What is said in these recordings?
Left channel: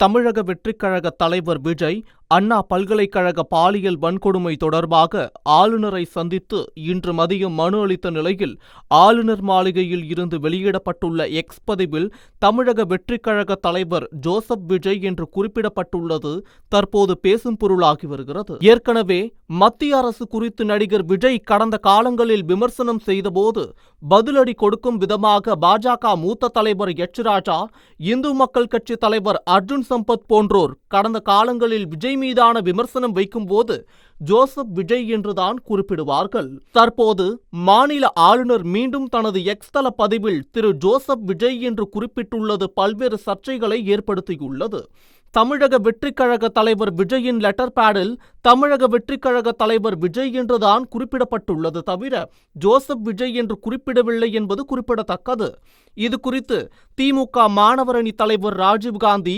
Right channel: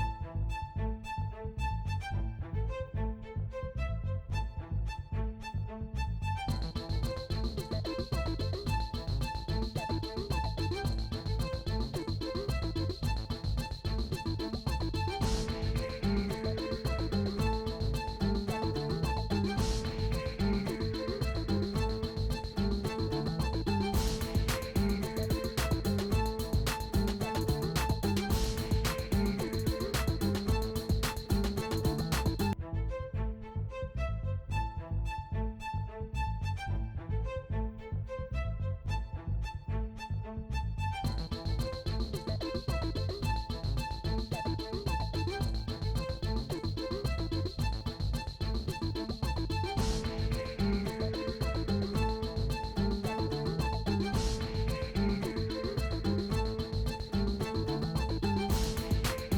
தமிழக வெற்றிக் கழக தலைவர் விஜய் அண்ணா பல்கலைக்கழக பாலியல் வன்கொடுமை தொடர்பாக ஆளுநரை சந்தித்து இன்று மதியம் மனு அளித்த நிலையில் ஆளுநர் மாளிகையில் இருந்து வெளியிடப்பட்டுள்ள எக்ஸ் பதிவில் தமிழக வெற்றிக் கழக தலைவர் ஜோசப் விஜய் என்று குறிப்பிடப்பட்டுள்ளது தற்போது பேசும் பொருளாகி வருகிறது. ஏற்கனவே மத்திய அரசு குறித்து நடிகர் விஜய் கடந்த காலங்களில் விமர்சனம் செய்தபோது பதிலடி கொடுக்கும் விதமாக பாஜக மூத்த தலைவர் எச் ராஜா, இந்து மக்கள் கட்சி தலைவர் அர்ஜுன் சம்பத் போன்றோர் கடந்த காலங்களில் விஜய் மீதான விமர்சனம் வைக்கும் போது ஜோசப் விஜய் என்றுதான் குறிப்பிடுவார்கள். தற்போது மாநில ஆளுநர் மீண்டும் தனது எக்ஸ் தள பதிவில் திரு ஜோசப் விஜய் என்று குறிப்பிட்டுள்ளது பல்வேறு சர்ச்சைகளை ஏற்படுத்தியுள்ளது. தமிழக வெற்றிக் கழக தலைவர் விஜயின் லெட்டர் பேடில் தமிழக வெற்றிக் கழக தலைவர் விஜய் என்றுதான் குறிப்பிடப்பட்டுள்ளது தவிர ஜோசப் விஜய் என்று குறிப்பிடவில்லை என்பது குறிப்பிடத்தக்கது. இது குறித்து திமுக மாணவரணி தலைவர் ராஜீவ்காந்தி,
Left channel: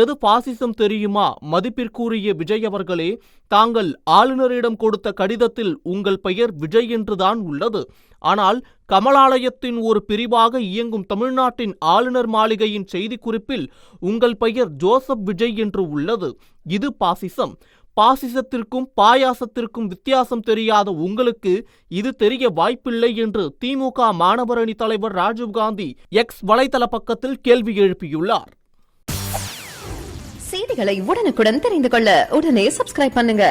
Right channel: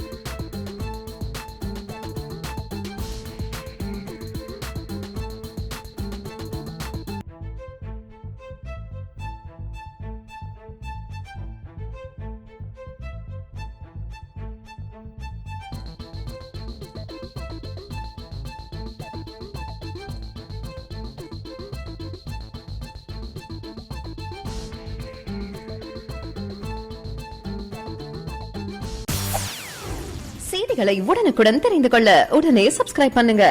எது பாசிசம் தெரியுமா மதிப்பிற்குரிய விஜய் அவர்களே, தாங்கள் ஆளுநரிடம் கொடுத்த கடிதத்தில் உங்கள் பெயர் விஜய் என்றுதான் உள்ளது. ஆனால் கமலாலயத்தின் ஒரு பிரிவாக இயங்கும் தமிழ்நாட்டின் ஆளுநர் மாளிகையின் செய்திக்குறிப்பில் உங்கள் பெயர் ஜோசப் விஜய் என்று உள்ளது. இது பாசிசம். பாசிசத்திற்கும் பாயாசத்திற்கும் வித்தியாசம் தெரியாத உங்களுக்கு இது தெரிய வாய்ப்பில்லை என்று திமுக மாணவரணி தலைவர் ராஜீவ்காந்தி எக்ஸ் வலைதள பக்கத்தில் கேள்வி எழுப்பியுள்ளார். செய்திகளை உடனுக்குடன் தெரிந்து கொள்ள உடனே சப்ஸ்கிரைப் பண்ணுங்க.